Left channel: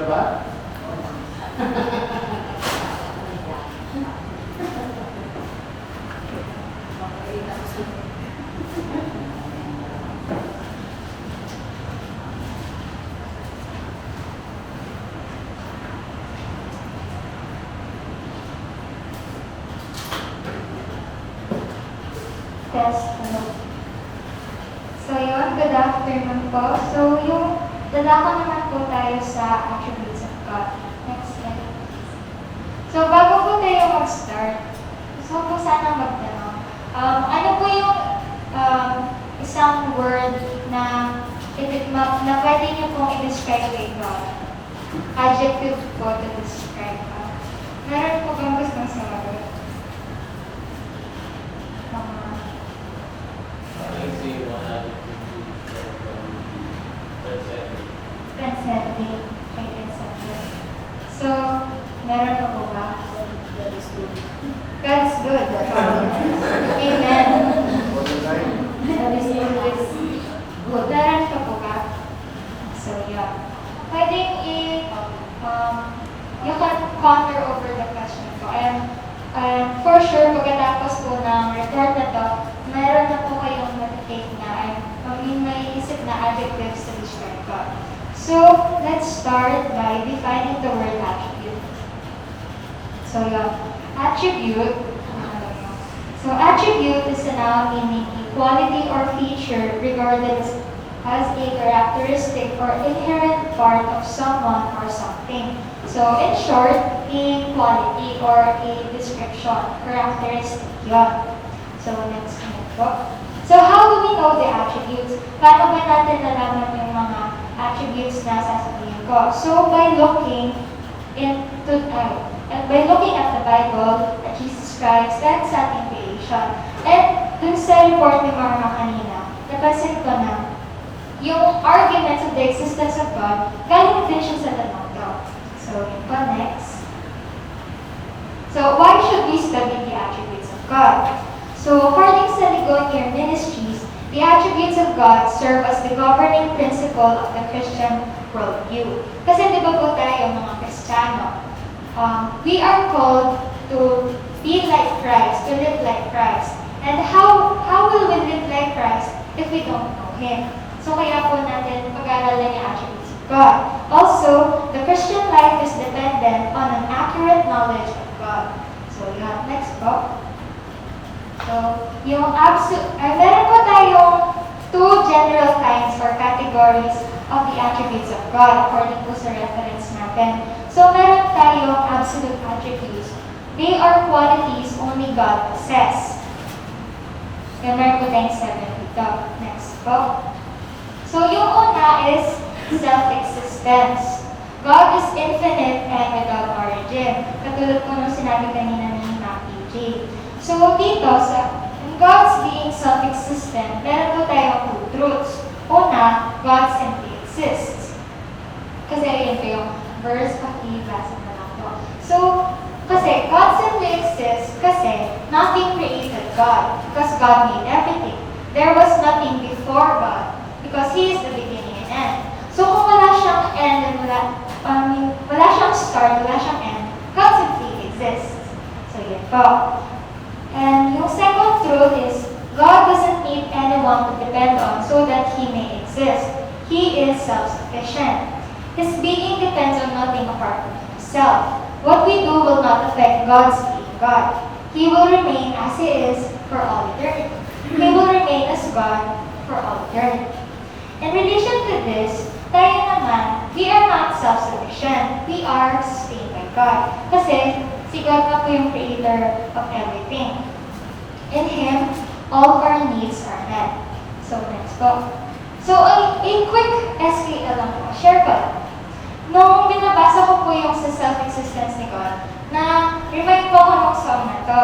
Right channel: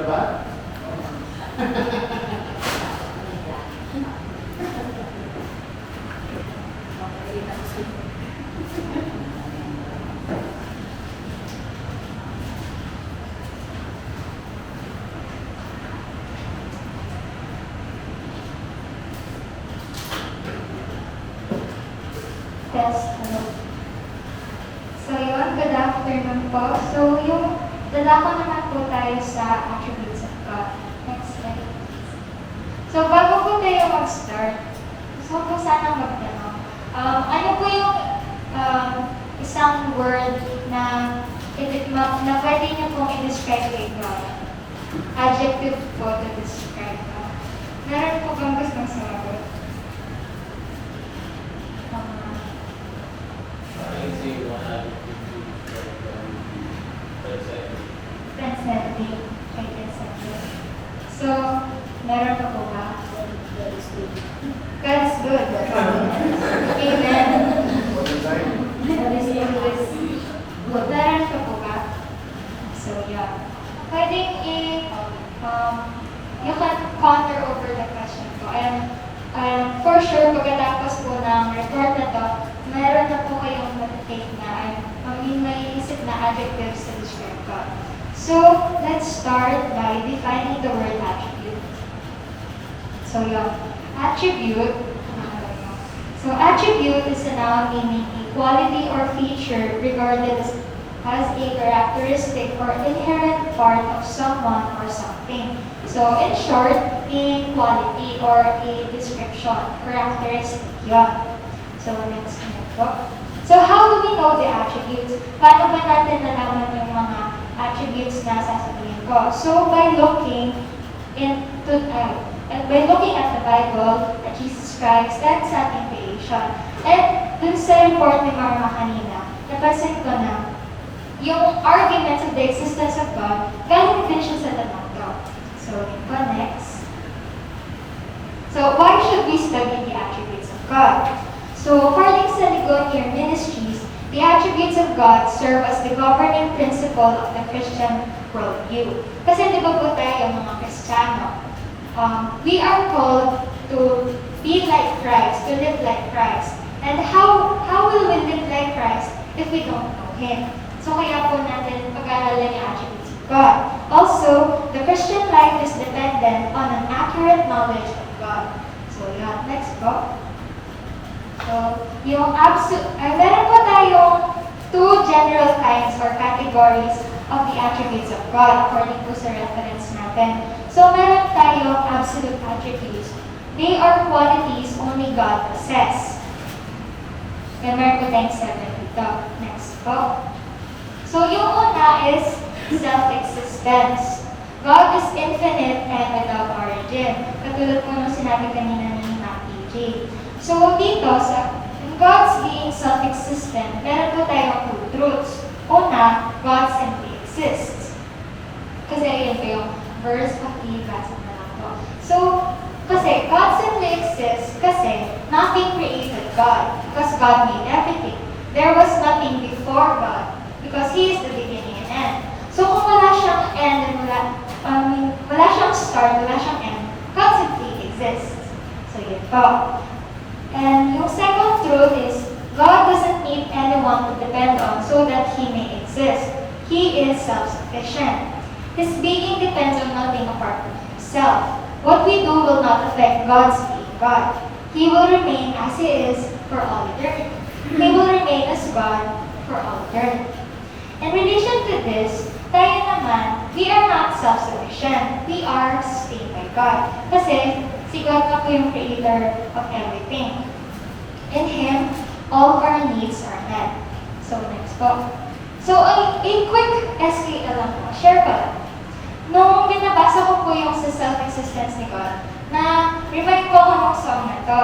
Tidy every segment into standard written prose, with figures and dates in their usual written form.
ka ba? Test, hello. So yun, good afternoon po. So yung dadako naman po tayo sa attributes of God. Next slide. So bago po tayo mag-start, gusto ko po sana magtanong. Ano po yung isang word na pwede niyo pong i-describe kay God? Adjective po to describe God. Meron po bang gustong sumagot? Transcending. Okay, transcending. So, meron pa po ba? God is good. Amen. Meron pa po ba? So, yeah. Pwedeng you can ponder over the question po. And for sure, pagkatapos po ng report na to, meron na po kayong matatake na may isip na adjectives to describe God. So, let's start by defining the word attribute. So, yeah, attribute. So, attribute is a noun meaning a quality or feature regarded as a characteristic or inherent part of someone or something. So, in short, a quality or a description, characteristic yun. So, next po. So, how do we know the attributes? Paano ba natin nalaman yung mga attributes na sasabihin ko? So, by looking at the Bible, at Jesus Christ, that's ating creation. And dun sa report ni Marma kanina, napansin ko na yung arguments of the existence of God, galing din siya sa tanong to. So, next. So, why should we study the attributes of God? So, according sa Ligonier Ministries, the attributes of God serve as the governing principle of the Christian worldview. Kasi di ba po tayo mga Kristiyano, we are called to be like Christ, to live like Christ. And how will we live like Christ if we don't know Him? So kaya po natin pag-aaralan yung attributes of God. Also, the Christian life is dependent on an accurate knowledge of God. So yeah, next po. So, meron po tayong two general kinds or categories of the attributes of God according to sa reference natin. So, meron tayong absolute attributes. They are qualities only God possesses. And meron po tayong 7 dito. Next po. So, yung una is self-existence. God is infinite and without origin. Katulad po nung sinabi kanina ni Matthew J. So, dito, in God's being self-existent, meron po tayong two truths. Una, God simply exists. Kasi yun po yung verse of ibasa na lang po. So, kasi God simply exists kasi nothing created God because God made everything. There was nothing before God because He is the beginning and end. So, kung wala siyang end and wala siyang start, wala siyang end, God simply exists. So, yun po. And yung second truth is, God doesn't need anyone to depend on so that He may exist. He is self-sufficient. His being depends on nothing apart from Himself. What we do will not affect God's being God. He will remain as He is for all eternity. He will remain as God for all eternity. In relation to this, tayo naman, we are not self-sufficient. We are sustained by God. Kasi, si God na po yung creator of everything. In Him, all our needs are met. So, next po. So, a quick SKL lang po. Share ko lang. Nung binabasa ko po yung sa self-existence ni God, na remind ko ako nung song na to.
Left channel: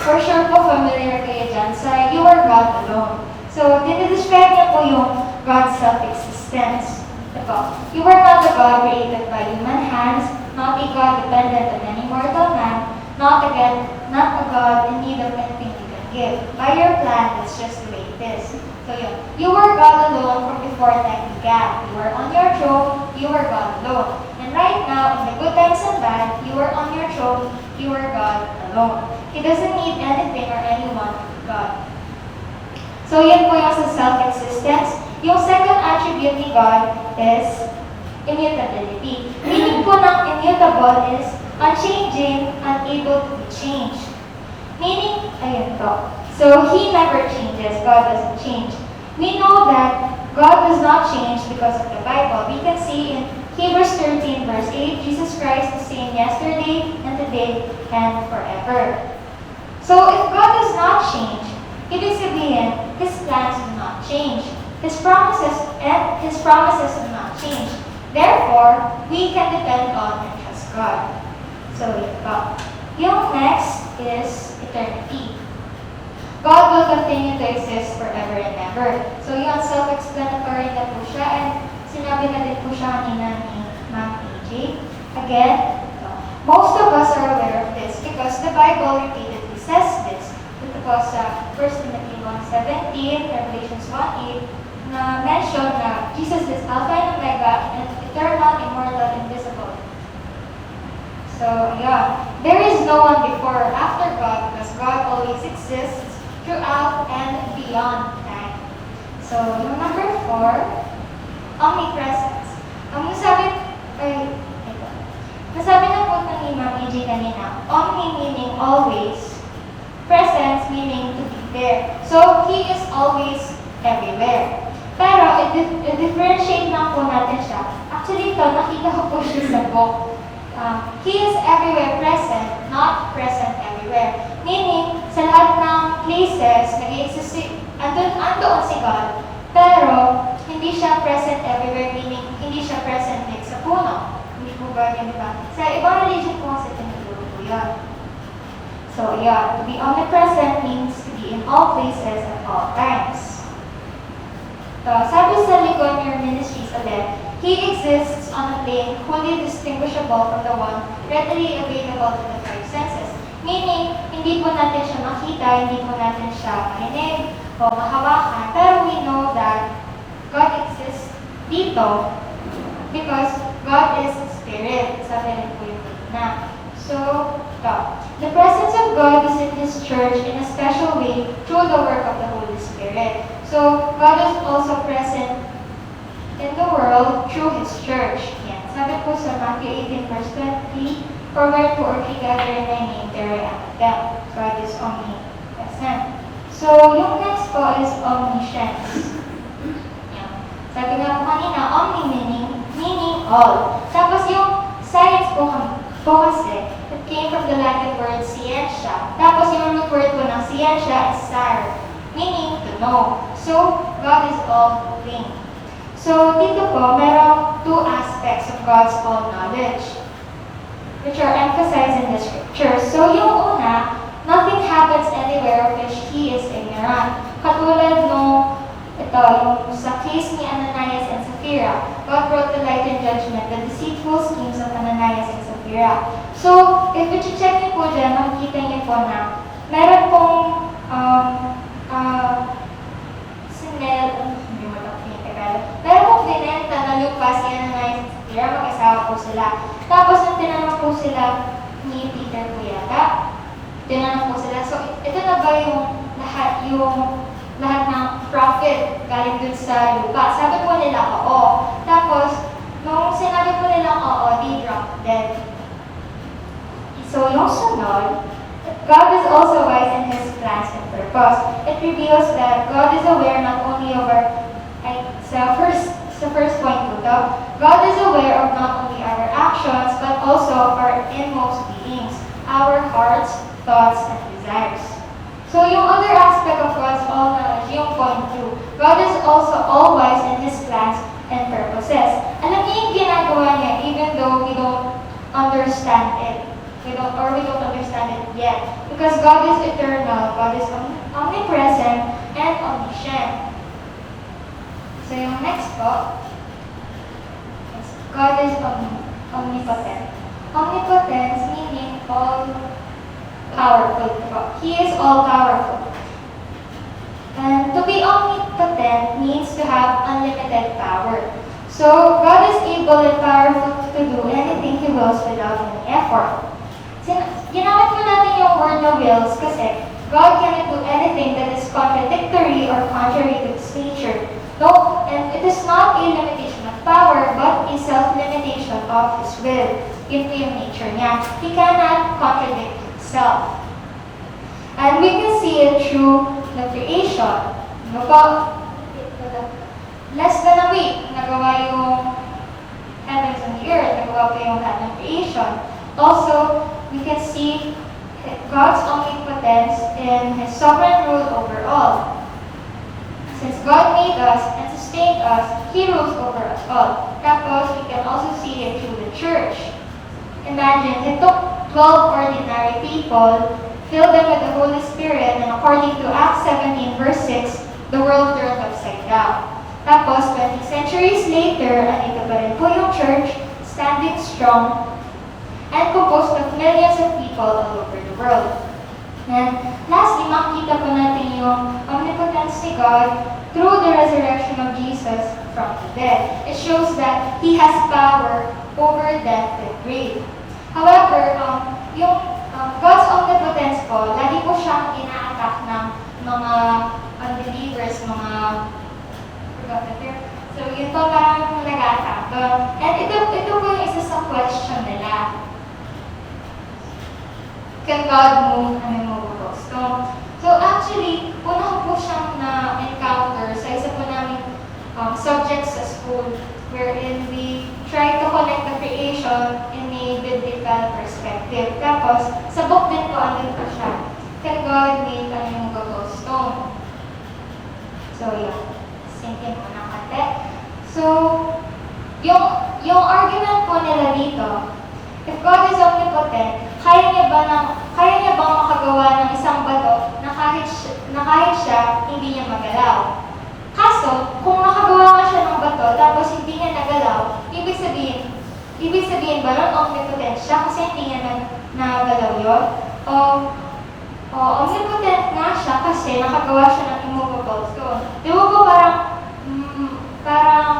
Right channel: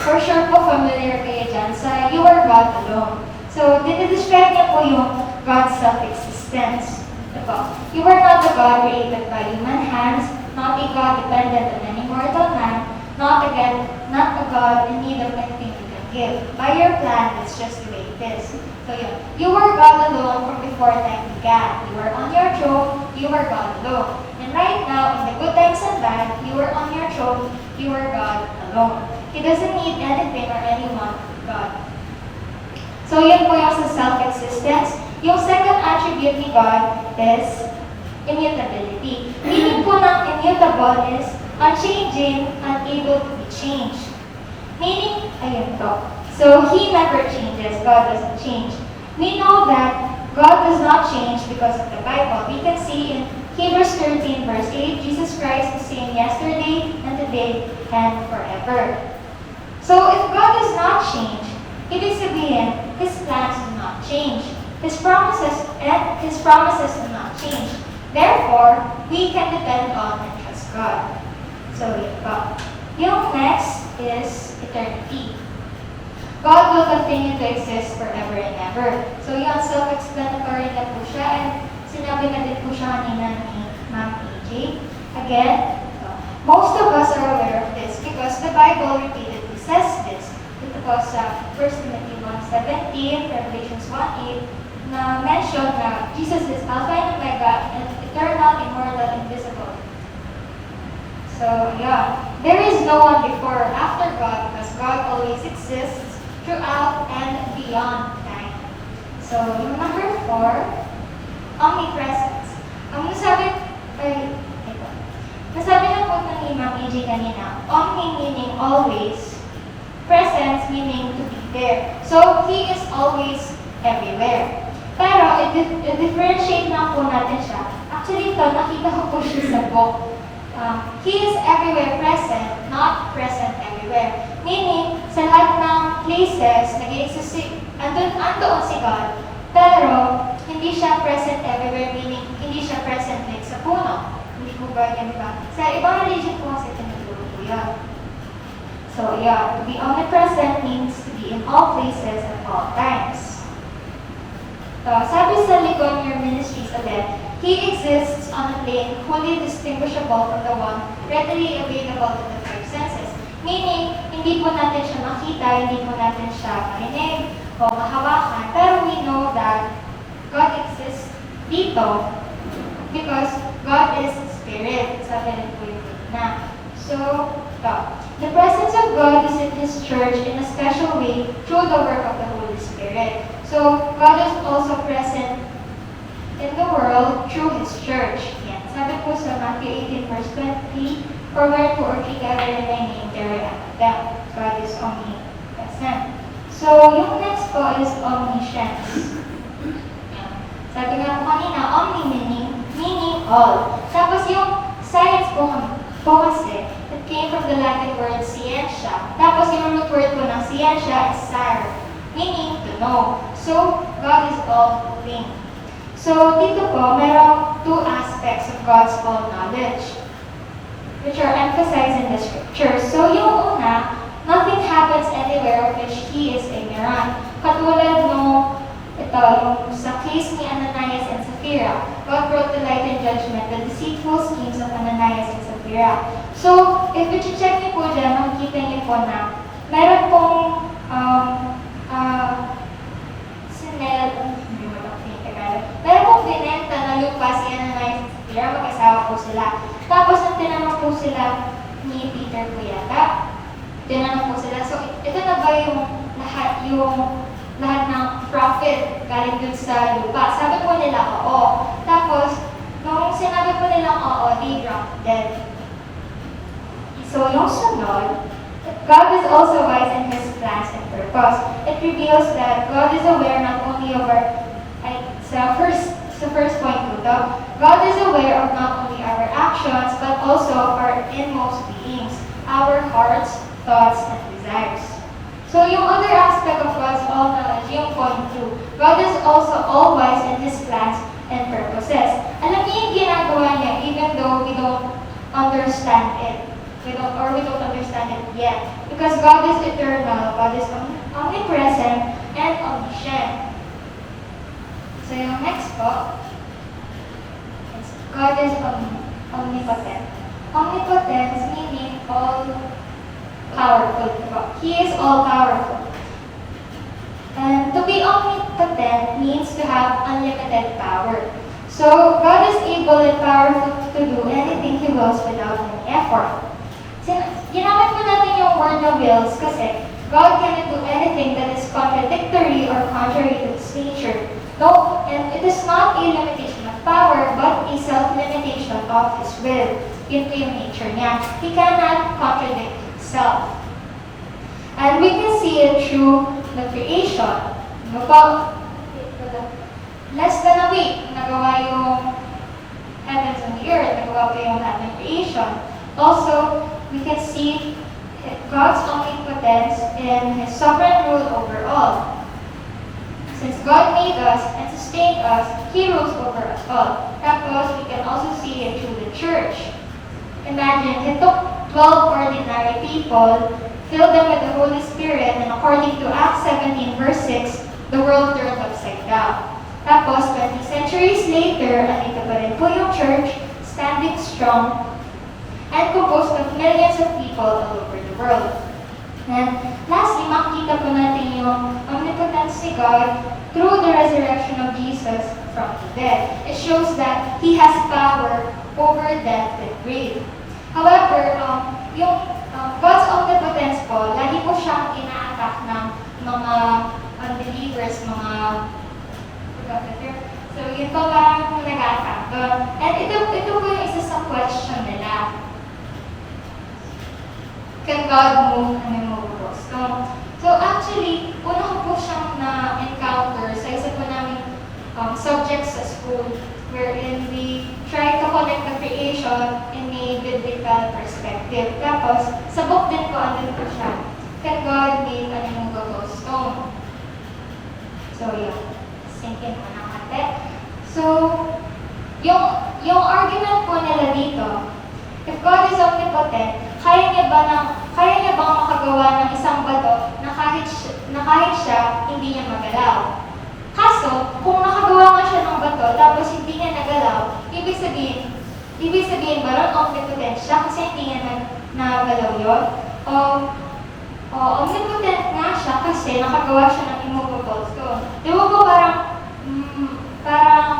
For sure po, familiar kayo dyan sa You Are God Alone. So, dinidescribe niya po yung God's self-existence. Ito. You are not a God created by human hands, not a God dependent on any mortal man, not a God in need of anything you can give. By your plan, it's just the way it is. So yun, you were God alone from before time began. You were on your throne, you were God alone. And right now, in the good times and bad, you are on your throne, you are God alone. He doesn't need anything or anyone but God. So yun po yung sa self-existence. Yung second attribute ni God is immutability. Meaning po ng immutable is unchanging, unable to be changed. Meaning, ayun to. So, He never changes. God doesn't change. We know that God does not change because of the Bible. We can see in Hebrews 13 verse 8, Jesus Christ the same yesterday and today and forever. So, if God does not change, ibig sabihin, His plans do not change. His promises do not change. Therefore, we can depend on and trust God. So, yun po. Yung next is eternity. God will continue to exist forever and ever. So yun, self-explanatory na po siya, and sinabi na din po siya kanina ni Ma'am AJ. Again, most of us are aware of this because the Bible repeatedly says this. Ito po sa 1 Timothy 1:17, Revelations 1:8, na mention na Jesus is Alpha and Omega, and eternal, immortal, invisible. So, yeah, there is no one before or after God because God always exists throughout and beyond time. So, yung number 4, omnipresence. Nasabi na po ni Ma'am AJ kanina, omni meaning always, presence meaning to be there. So, He is always everywhere. Pero, i-differentiate na po natin siya. Actually, ito, nakita ko po siya sa book. He is everywhere present, not present everywhere. Meaning, sa lahat ng places, andoon si God, pero hindi siya present everywhere, meaning hindi siya present like sa puno. Hindi po ba yan, di ba? Sa ibang religion po kasi tinuturo po yan. So, yeah, to be omnipresent means to be in all places at all times. Sabi sa Ligonier Ministries ulit, He exists on a plane wholly distinguishable from the one readily available to the five senses. Meaning, hindi po natin siya makita, hindi po natin siya marinig o mahawakan, pero we know that God exists dito because God is Spirit. Sabi rin po yung na. So, the presence of God is in His church in a special way through the work of the Holy Spirit. So, God is also present in the world through His church. Yan. Sabi po sa Matthew 18 verse 20, for where two or three gather in my name, there I am with them. God is omnipresent. So, yung next po is omniscience. Yan. Sabi nga po kanina, omni meaning all. Tapos yung science po kasi, it came from the Latin word scientia. Tapos yung root word po ng scientia is sire, meaning to know. So, God is all-knowing. So, dito po, merong two aspects of God's all-knowledge, which are emphasized in the scriptures. So, yung una, nothing happens anywhere of which He is ignorant. Katulad nung, yung sa case ni Ananias and Sapphira, God brought to light in judgment the deceitful schemes of Ananias and Sapphira. So, if i-check niyo po dyan, makikita niyo po na meron pong meron pong binenta na lupa si Ananias and Sapphira, mag-asawa po sila. Tapos, nung tinanong po sila ni Peter po yata, tinanong po sila, so ito na ba yung lahat ng profit galing dun sa lupa? Sabi po nila, oo. Tapos, nung sinabi po nila, oo, they dropped dead. So, yung sunod, God is also wise in His plans and purpose. It reveals that God is aware not only over, sa first point po to, God is aware of not only our actions, but also of our inmost beings, our hearts, thoughts, and desires. So, yung other aspect of God's all-knowledge, yung point 2, God is also all-wise in His plans and purposes. Alam niyo yung ginagawa niya, even though we don't understand it. We don't understand it yet. Because God is eternal, God is omnipresent, and omniscient. So, yung next po, God is omnipotent. Omnipotence meaning all-powerful. He is all-powerful. And to be omnipotent means to have unlimited power. So, God is able and powerful to do anything He wills without any effort. Ginamit po natin yung word na wills kasi God cannot do anything that is contradictory or contrary to His nature. No, and it is not a limitation of power, but a self-limitation of His will. Yun po yung nature niya. He cannot contradict Himself. And we can see it through the creation. No po, less than a week, nagawa yung heavens and the earth, nagawa po yung lahat ng creation. Also, we can see God's omnipotence in His sovereign rule over all. Since God made us and sustained us, He rules over us all. Tapos, we can also see it through the church. Imagine, He took 12 ordinary people, filled them with the Holy Spirit, and according to Acts 17 verse 6, the world turned upside down. Tapos, 20 centuries later, andito pa rin po yung church, standing strong, and composed of millions of people all over the world. And lastly, makikita po natin yung omnipotence ni God through the resurrection of Jesus from the dead. It shows that He has power over death and grave. However, God's omnipotence po, lagi po siyang ina-attack ng mga unbelievers, mga so, yun po parang nag-attack. And ito po yung isa sa question nila. Can God move immovables? So actually, una ko po siyang na-encounter sa isa po namin subjects sa school wherein we try to connect the creation in a biblical perspective. Tapos, sa book din po, andun po siya. Can God make an immovable stone? So, yun. Sinkin po ng kate. So, yung argument po nila dito, if God is omnipotent, kaya niya bang makagawa ng isang bato na kahit siya, hindi niya magalaw? Kaso, kung nakagawa nga siya ng bato, tapos hindi niya nagalaw, ibig sabihin ba nun omnipotent siya kasi hindi niya nagalaw yun? Omnipotent nga siya kasi nakagawa siya ng immovable stone. Di ba po parang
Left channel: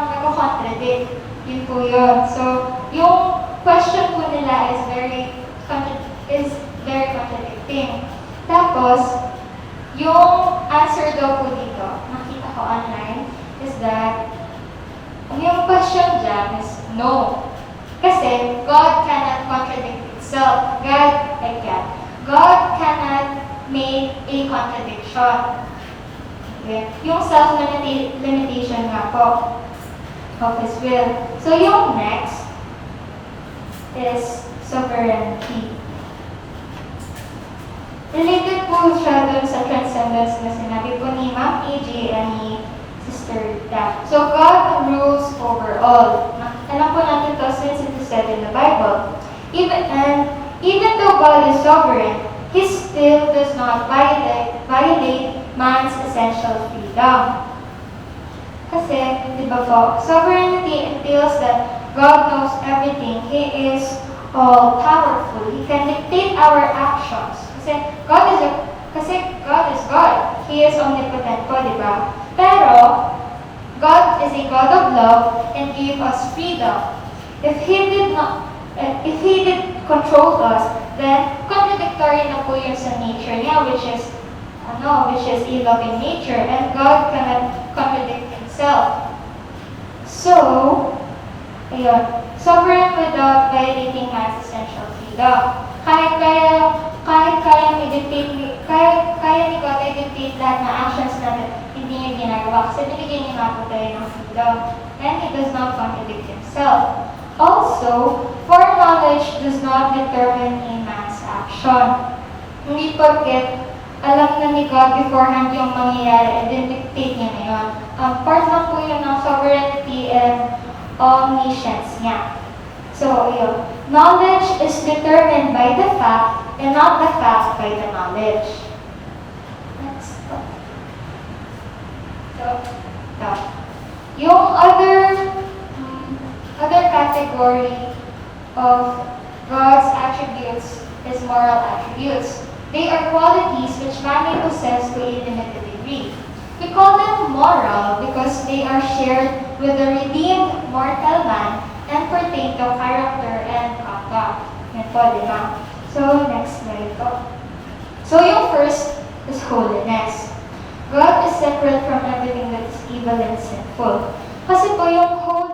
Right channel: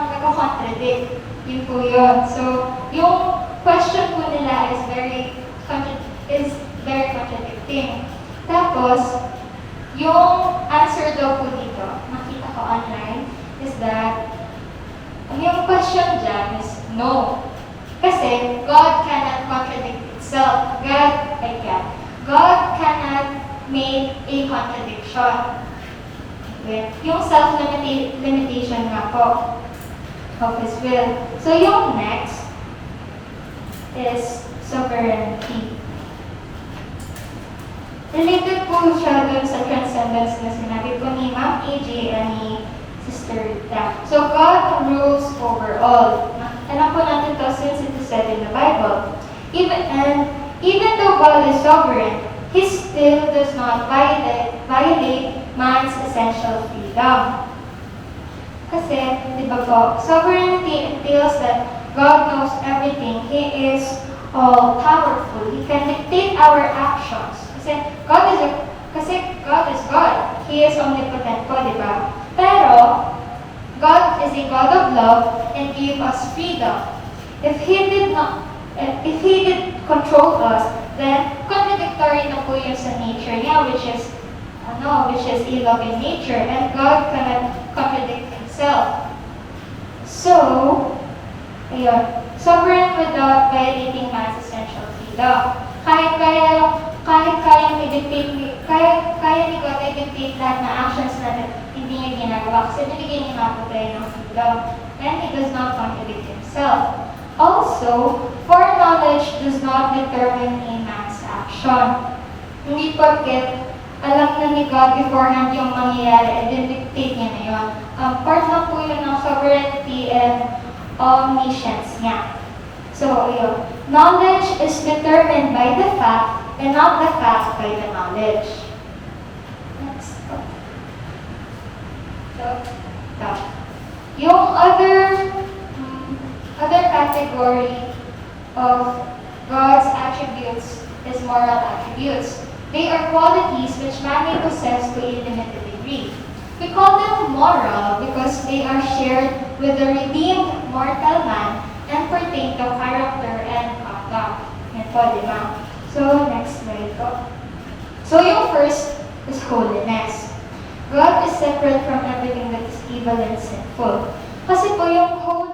nag-contradict? Yun po yun. So, yung question po nila is very contradicting. Tapos, yung answer daw po dito, nakita ko online, is that, yung question dyan is no. Kasi, God cannot contradict itself. God cannot make a contradiction. Okay? Yung self-limitation nga po of His will. So, yung next is sovereignty. Related po siya dun sa transcendence na sinabi po ni Ma'am AJ and ni Sister Daph. So, God rules over all. Alam po natin to since it is said in the Bible. Even though God is sovereign, He still does not violate man's essential freedom. Kasi, di ba po, sovereignty entails that God knows everything. He is all-powerful. He can dictate our actions. Kasi God is God. He is omnipotent po, di ba? Pero, God is a God of love and gave us freedom. If He did control us, then contradictory na po yun sa nature niya, which is a loving nature, and God cannot contradict Himself. So, ayun, sovereign without violating man's essential freedom. Kaya ni God i-dictate lahat na actions natin, hindi niya ginagawa kasi binigyan niya nga po tayo ng freedom, and He does not contradict Himself. Also, foreknowledge does not determine a man's action. Hindi porket alam na ni God beforehand yung mangyayari and then dictate niya na yun. Part lang po yun ng sovereignty and omniscience niya. So, yun. Knowledge is determined by the fact and not the fact by the knowledge. Next. So, yung other category of God's attributes is moral attributes. They are qualities which man may possess to a limited degree. We call them moral because they are shared with the redeemed mortal man and pertain to character and conduct. Yan po, di ba? So, next slide po. So, yung first is holiness. God is separate from everything that is evil and sinful. Kasi po yung holy